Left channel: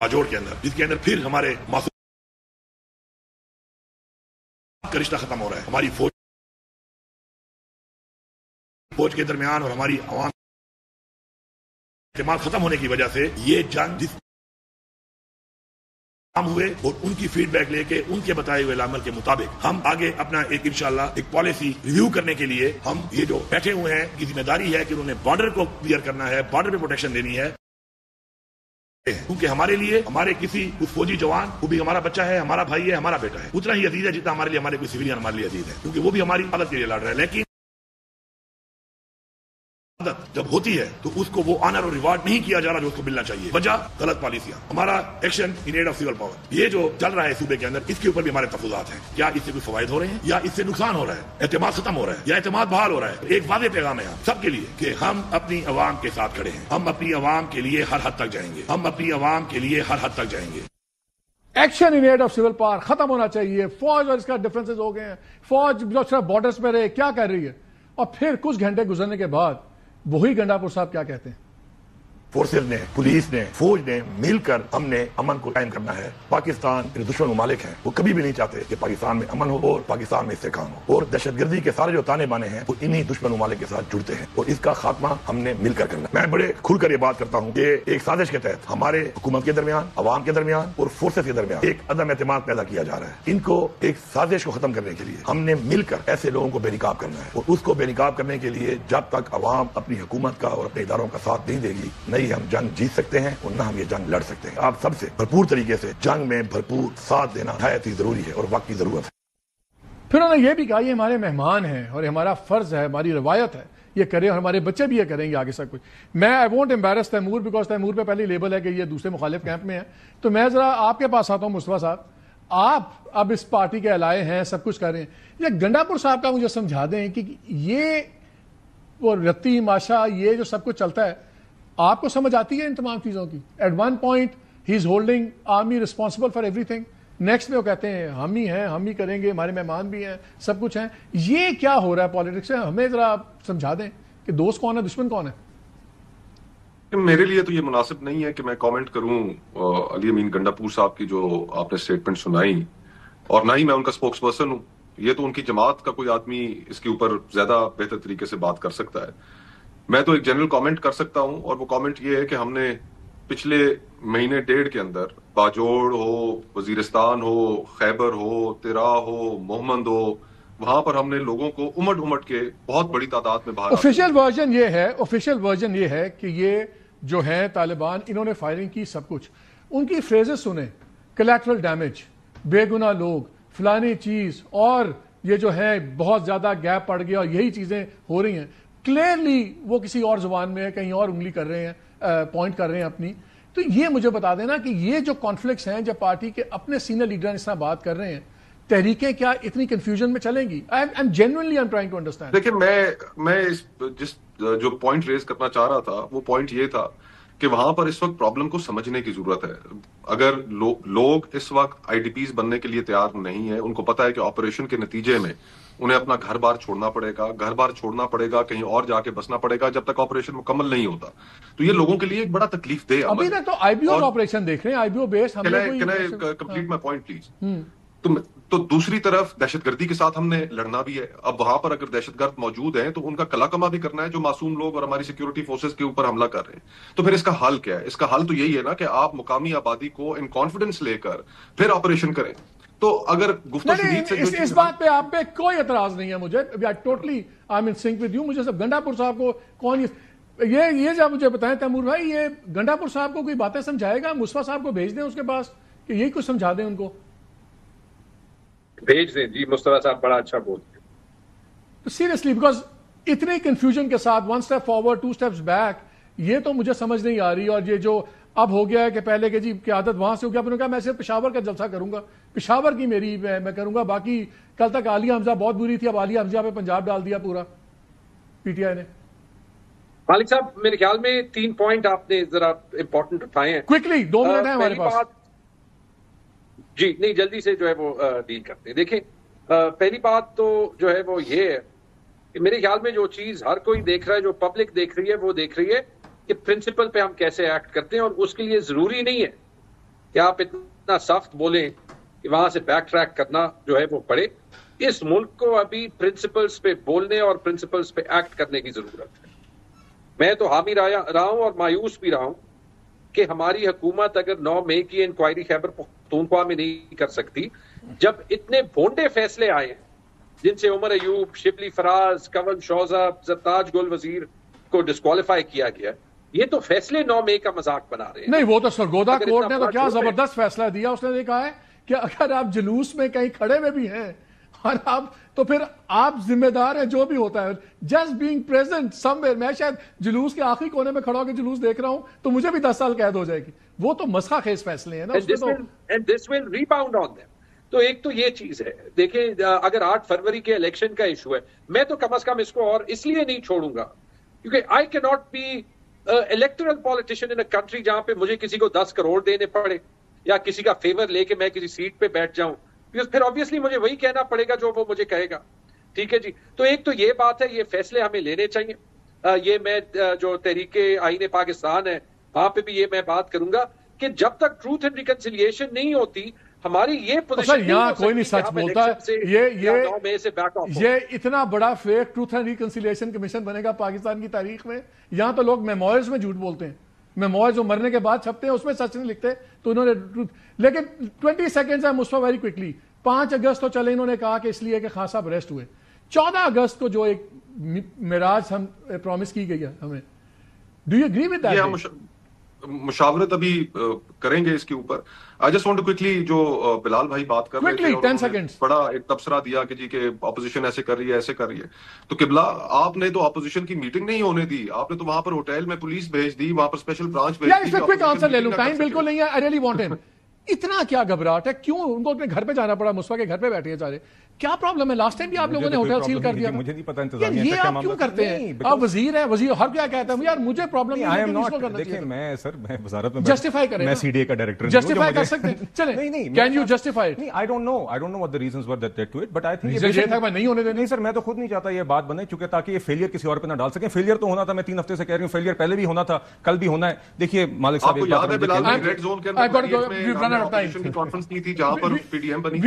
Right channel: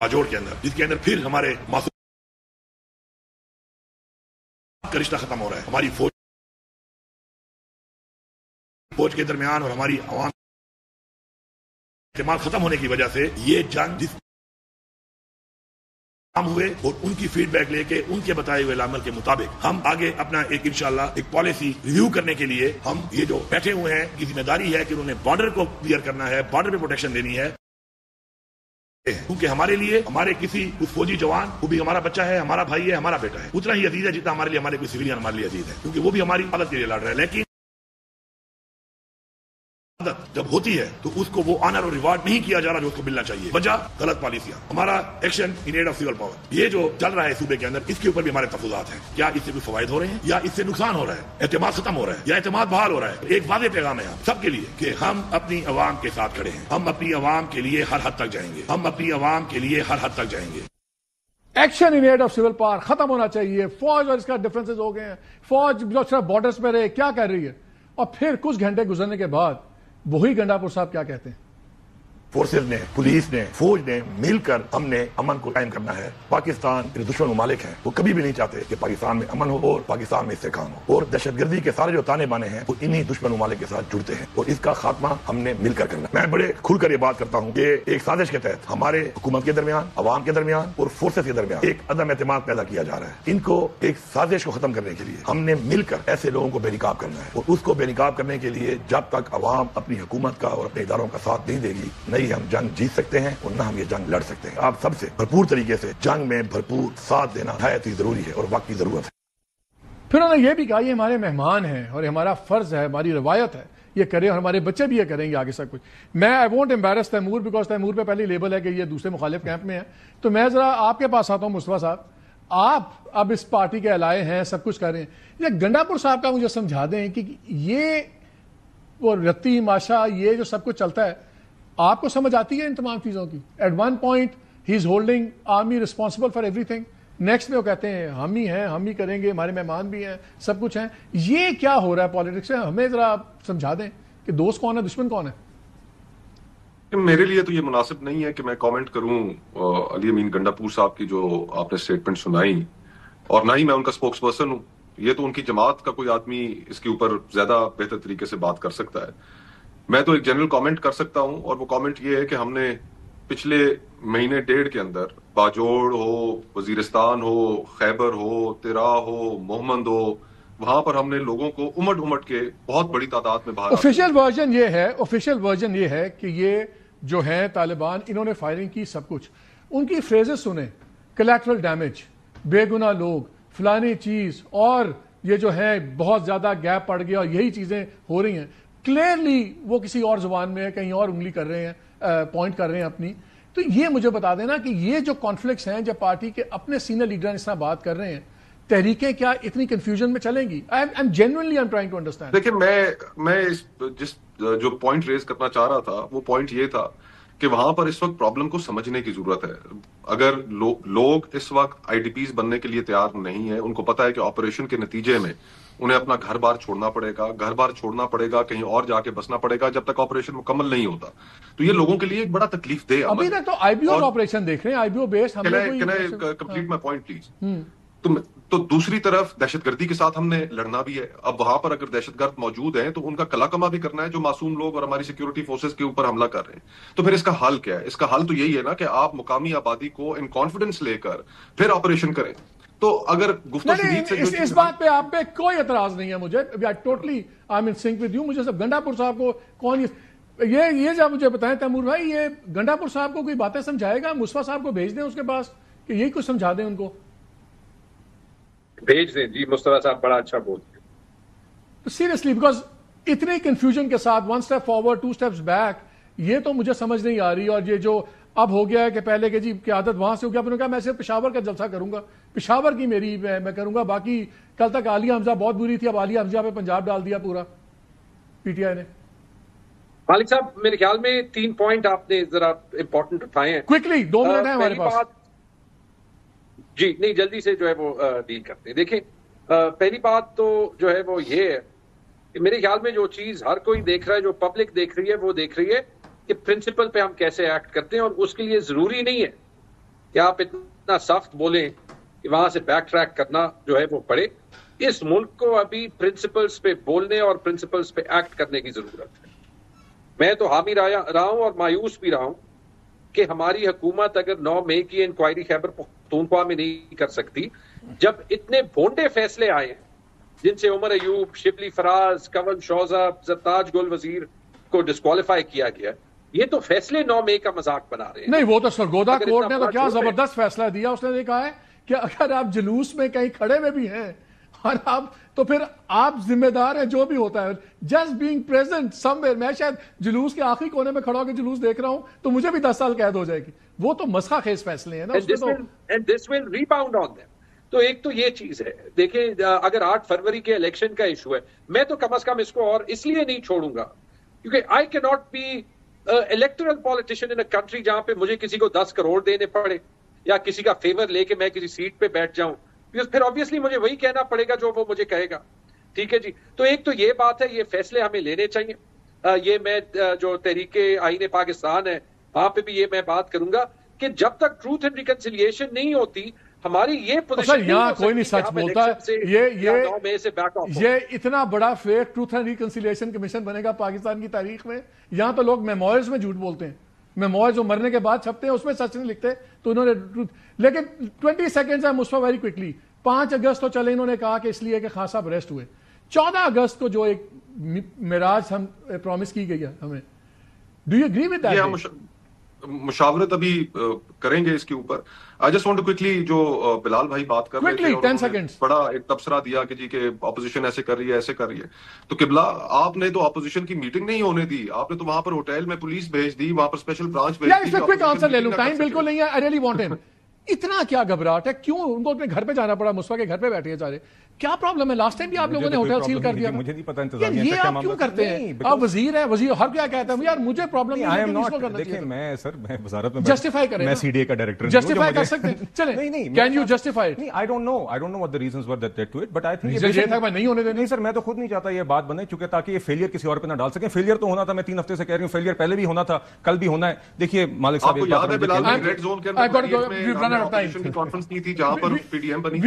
बाजोड़ के अंदर, जिसके अंदर फिर हमारे मासूम का रिश्ता खत्म हो रहा है। हमारी फौज के दरमियान और हमारी आवाम इस्तेमाल खत्म होने की वजह से ये जंग जिस हुए और उनकी फीडबैक लेके उनके बताए हुए अमल के मुताबिक हम आगे अपना एक इंशाल्लाह एक पॉलिसी रिव्यू करने के लिए हम ये जो बैठे हुए हैं, ये जिम्मेदारी है कि उन्होंने बॉर्डर को क्लियर करना है, बॉर्डर पे प्रोटेक्शन देनी है, क्योंकि हमारे लिए हमारे किसी उस फौजी जवान वो भी हमारा बच्चा है, हमारा भाई है, हमारा बेटा है, उतना ही अजीज है जितना हमारे लिए हमारे कोई सिविलियन हमारे लिए अजीज है, क्योंकि वो भी हमारी मदद के लिए लड़ रहे हैं। लेकिन जब होती है तो उसको वो ऑनर और रिवार्ड नहीं किया जा रहा जो उसको मिलना चाहिए, वजह गलत पॉलिसियां। हमारा action in aid of civil power, ये जो चल रहा है सूबे के अंदर, इसके ऊपर भी हमारे तफज़ात हैं। क्या इससे कुछ फवायद हो रहे हैं या इससे नुकसान हो रहा है, एतमाद खत्म हो रहा है या एतमाद बहाल हो रहा है? एक वाज़ेह पैगाम है सबके लिए कि हम अपनी अवाम के साथ खड़े हैं, हम अपनी अवाम के लिए हर हद तक जाएंगे, हम अपनी अवाम के लिए हर हद तक जाएंगे। Action in aid of civil power खत्म होना चाहिए। फौज और इसका डिफरेंसेस हो गए हैं, फौज बॉर्डर्स में रहे, क्या कर रही है? और फिर कुछ घंटे गुजरने के बाद वही गंडापुर साहब क्या कहते हैं? फोर्सेस ने, पुलिस ने, फौज ने मिलकर हमने अमन को कायम करना है। पाकिस्तान के दुश्मन ममालिक हैं, वो कभी भी नहीं चाहते कि पाकिस्तान में अमन हो और पाकिस्तान में इससे कायम हो, और दहशतगर्दी के सारे जो ताने बाने हैं वो इन्हीं दुश्मन ममालिक के साथ जुड़ते हैं और इसका खात्मा हमने मिलकर करना। मैं बड़े खुलकर ये बात करता हूँ, एक साजिश के तहत हमारे हुकूमत के दरमियान, अवाम के दरमियान और फोर्सेस के दरमियान एक अदम एतमाद पैदा किया जा रहा है। इनको एक साजिश को खत्म करने के लिए हमने मिलकर ऐसे लोगों को बेनकाब करना है, और उसको बेनकाब करने के लिए जब तक अवाम अपनी हुकूमत का और अपने इदारों का साथ नहीं देंगी, नहीं हम जंग जीत सकते हैं और ना हम ये जंग लड़ सकते हैं। आप सबसे भरपूर तरीके से जंग में भरपूर साथ देना बहुत ही जरूरी है और वक्त की जरूरत है। फिर उन्होंने ये भी कहा ये हमारे मेहमान हैं और हमारा फर्ज है, हमारी रवायत है ये करें, और हमारे बच्चे भी ये करेंगे आगे सब कुछ। मैं I won't embarrass Taimur, because Taimur पे पहले लेबल है कि ये दूसरे मुखालिफ कैंप में है। तो मैं जरा आपके पास आता हूँ मुस्तफा साहब, आप अब इस पार्टी के अलाए हैं, सब कुछ कर रहे हैं, ये गंडापुर साहब का मुझे समझा दें कि ये वो रत्ती माशा ये जो सब कुछ चलता है आपको समझ आती है इन तमाम चीजों की? एट वन पॉइंट ही is holding army responsible for everything, next में वो कहते हैं हम ही हैं, हम ही करेंगे, हमारे मेहमान भी हैं, सब कुछ है। ये क्या हो रहा है पॉलिटिक्स में? हमें जरा आप समझा दें कि दोस्त कौन है, दुश्मन कौन है। मेरे लिए तो ये मुनासिब नहीं है कि मैं कमेंट करूं अली अमीन गंडापुर साहब की जो आपने स्टेटमेंट सुनाई, और ना ही मैं उनका स्पोक्स पर्सन हूं। ये तो उनकी जमात का कोई आदमी इसके ऊपर ज्यादा बेहतर तरीके से बात कर सकता है। मैं तो एक जनरल कमेंट कर सकता हूं, और वो कमेंट ये है कि हमने पिछले महीने डेढ़ के अंदर बाजोड़ हो, वजीरिस्तान हो, खैबर हो, तिरा हो, मोहम्मद हो, वहां पर हमने लोगों को उमड़ उमड़ के बहुत बड़ी तादाद में बाहर। ऑफिशियल वर्जन ये है कि ये जो है तालिबान, इन्होंने फायरिंग की, सब कुछ उनकी फ्रेजेस सुने, कोलैटरल डैमेज, बेगुनाह लोग, फलानी चीज, और ये जो है बहुत ज्यादा गैप पड़ गया और यही चीजें हो रही हैं। क्लियरली वो किसी और जुबान में कहीं और उंगली कर रहे हैं, पॉइंट कर रहे हैं अपनी। तो ये मुझे बता देना कि ये जो कॉन्फ्लिक्ट्स हैं, जब पार्टी के अपने सीनियर लीडर इस तरह बात कर रहे हैं, तहरीकें क्या इतनी कंफ्यूजन में चलेंगी? I am genuinely trying to understand. देखिए, मैं जिस जो पॉइंट रेज करना चाह रहा था वो पॉइंट ये था कि वहां पर इस वक्त प्रॉब्लम को समझने की जरूरत है। अगर लोग इस वक्त आईडीपीज बनने के लिए तैयार नहीं है, उनको पता है कि ऑपरेशन के नतीजे में उन्हें अपना घर बार छोड़ना पड़ेगा, कहीं और जाके बसना पड़ेगा जब तक ऑपरेशन मुकम्मल नहीं होता, तो ये लोगों के लिए एक बड़ा तकलीफ दे अमल है। तो आईबीओ ऑपरेशन देखें, IBO base complete my point please. तो दूसरी तरफ दहशतगर्दी के साथ हमने लड़ना भी है। अब वहां पर अगर दहशतगर्द मौजूद है तो उनका कलाकमा भी करना है, जो मासूम लोग और हमारी सिक्योरिटी फोर्सेस के ऊपर हमला कर रहे हैं। तो फिर इसका हल क्या है? इसका हल तो यही है ना कि आप मुकामी आबादी को इन कॉन्फिडेंस लेकर फिर ऑपरेशन करें। तो अगर इस बात पे आप पे कोई एतराज नहीं है मुझे, totally I am in sync with you. मुझे सब गंडापुर साहब को कौन ये जब मुझे बताएं तैमूर भाई, ये गंडापुर साहब को कोई बातें समझाएगा? मुस्तफा साहब को भेज दें उसके पास कि ये कुछ समझा दें उनको, भेज दें जी। मुस्तफा साहब बड़ा अच्छा बोलते हैं सीरियसली, बिकॉज इतनी कंफ्यूजन के साथ one step forward two steps back, ये तो मुझे समझ नहीं आ रही। और ये जो अब हो गया है कि पहले के जी की आदत वहां से हो गया, फिर मैं सिर्फ पेशावर का जलसा करूंगा, पेशावर की मेरी मैं करूंगा, बाकी कल तक आलिया हमजा बहुत बुरी थी, अब आलिया हमजा पे पंजाब डाल दिया पूरा पीटीआई ने। मालिक साहब, मेरे ख्याल में 3 पॉइंट आपने जरा इंपॉर्टेंट उठाए हैं। क्विकली 2 मिनट है हमारे पास जी, नहीं जल्दी से जो है वो डील करते हैं। देखें, पहली बात तो जो है वो ये है कि मेरे ख्याल में जो चीज हर कोई देख रहा है, जो पब्लिक देख रही है, वो देख रही है कि प्रिंसिपल पे हम कैसे एक्ट करते हैं, और उसके लिए जरूरी नहीं है کہ آپ اتنا سخت بولیں کہ وہاں سے بیک ٹریک کرنا جو ہے وہ پڑے. اس ملک کو ابھی پرنسپلز پہ بولنے اور پرنسپلز پہ ایکٹ کرنے کی ضرورت ہے. میں تو حامی رہا ہوں اور مایوس بھی رہا ہوں کہ ہماری حکومت اگر 9 مئی کی انکوائری خیبر پختونخوا میں نہیں کر سکتی، جب اتنے بھونڈے فیصلے آئے ہیں جن سے عمر ایوب، شبلی فراز، کون شوزہ، زرتاج گل وزیر کو ڈسکوالیفائی کیا گیا، یہ تو فیصلے 9 مئی کا مذاق بنا رہے ہیں. نہیں، وہ تو سرگودا کورٹ نے تو کیا زبردست فیصلہ دیا. اس نے یہ کہا کہ اگر آپ جلوس میں کہیں کھڑے میں بھی ہیں اور آپ تو پھر آپ ذمہ دار ہیں جو بھی ہوتا ہے. Just being present some where, میں شاید جلوس کے آخری کونے میں کھڑا ہو کے جلوس دیکھ رہا ہوں تو مجھے بھی 10 سال قید ہو جائے گی. وہ تو مسخہ خیز فیصلے ہیں نا. And this will rebound on them. تو ایک تو یہ چیز ہے. دیکھیں اگر 8 فروری کے الیکشن کا ایشو ہے، میں تو کم از کم اس کو اور اس لیے نہیں چھوڑوں گا کیونکہ I can not be electoral politician in a country جہاں پہ مجھے کسی کو 10 کروڑ دینے پڑے یا کسی کا فیور لے کے میں کسی سیٹ پہ بیٹھ جاؤں، پھر obviously مجھے وہی کہنا پڑے گا جو وہ مجھے کہے گا. ٹھیک ہے جی. تو ایک تو یہ بات ہے، یہ فیصلے ہمیں لینے چاہیے. یہ میں جو تحریک آئین پاکستان ہے وہاں پہ بھی یہ میں بات کروں گا کہ جب تک ٹروتھ اینڈ ریکنسیلیشن نہیں ہوتی ہماری یہ پوزیشن یہاں کوئی نہیں سچ بولتا ہے. یہ اتنا بڑا fake truth and reconciliation commission بنے گا پاکستان کی تاریخ میں. یہاں پہ لوگ میموائرز میں جھوٹ بولتے ہیں، میموائرز جو مرنے کے بعد چھپتے ہیں اس میں سچ نہیں لکھتے. تو انہوں نے لیکن 20 سیکنڈز ہے مصطفیٰ ویری کوئکلی. 5 اگست تو چلے انہوں نے کہا کہ اس لیے کہ خان صاحب اریسٹ ہوئے. 14 اگست کو جو ایک معراج ہم پرومس کی گئی ہے ہمیں، do you agree with that? مشاورت ابھی کریں گے اس کے اوپر. I just want to quickly جو بلال بھائی بات کر رہے تھے، 10 سیکنڈز بڑا ایک تبصرہ دیا کہ جی کہ اپوزیشن ایسے کر رہی ہے ایسے کر رہی ہے. تو قبلہ آپ نے تو اپوزیشن کی میٹنگ نہیں ہونے دی، آپ نے تو وہاں پر ہوٹل میں پولیس بھیج دی، وہاں پر اسپیشل برانچ بھیج دی. اس سے کوئک آنسر لے لوں، ٹائم بالکل نہیں ہے. I really want it. اتنا کیا گھبراہٹ ہے؟ کیوں ان کو اپنے گھر پہ جانا پڑا؟ مصطفیٰ کے گھر پہ بیٹھے ہیں سارے. کیا پرابلم ہے؟ لاسٹ ٹائم بھی آپ لوگوں نے ہوٹل سیل کر دیا. مجھے نہیں پتا انتظامیہ یہ آپ کیوں کرتے ہیں؟ آپ وزیر ہیں، وزیر ہر کیا کہتا ہے یار مجھے پرابلم ہے. دیکھیں میں سر میں وزارت میں جسٹیفائی کریں، میں سی ڈی اے کا ڈائریکٹر جسٹیفائی کر سکتے ہیں. چلیں can you justify? I don't know what the reasons were that they do it, but I think یہ تھا میں نہیں ہونے دینا. نہیں سر، میں تو خود نہیں چاہتا یہ بات بنے چونکہ تاکہ یہ فیلئر کسی اور پہ نہ ڈال سکے. فیلئر تو ہونا تھا، میں 3 ہفتے سے کہہ رہی ہوں فیلئر پہلے بھی ہونا تھا، کل بھی ہونا ہے. دیکھیے مالک صاحب ریڈ زون کے اندر کانفرنس کی تھی جہاں پر پی ڈی ایم بنی.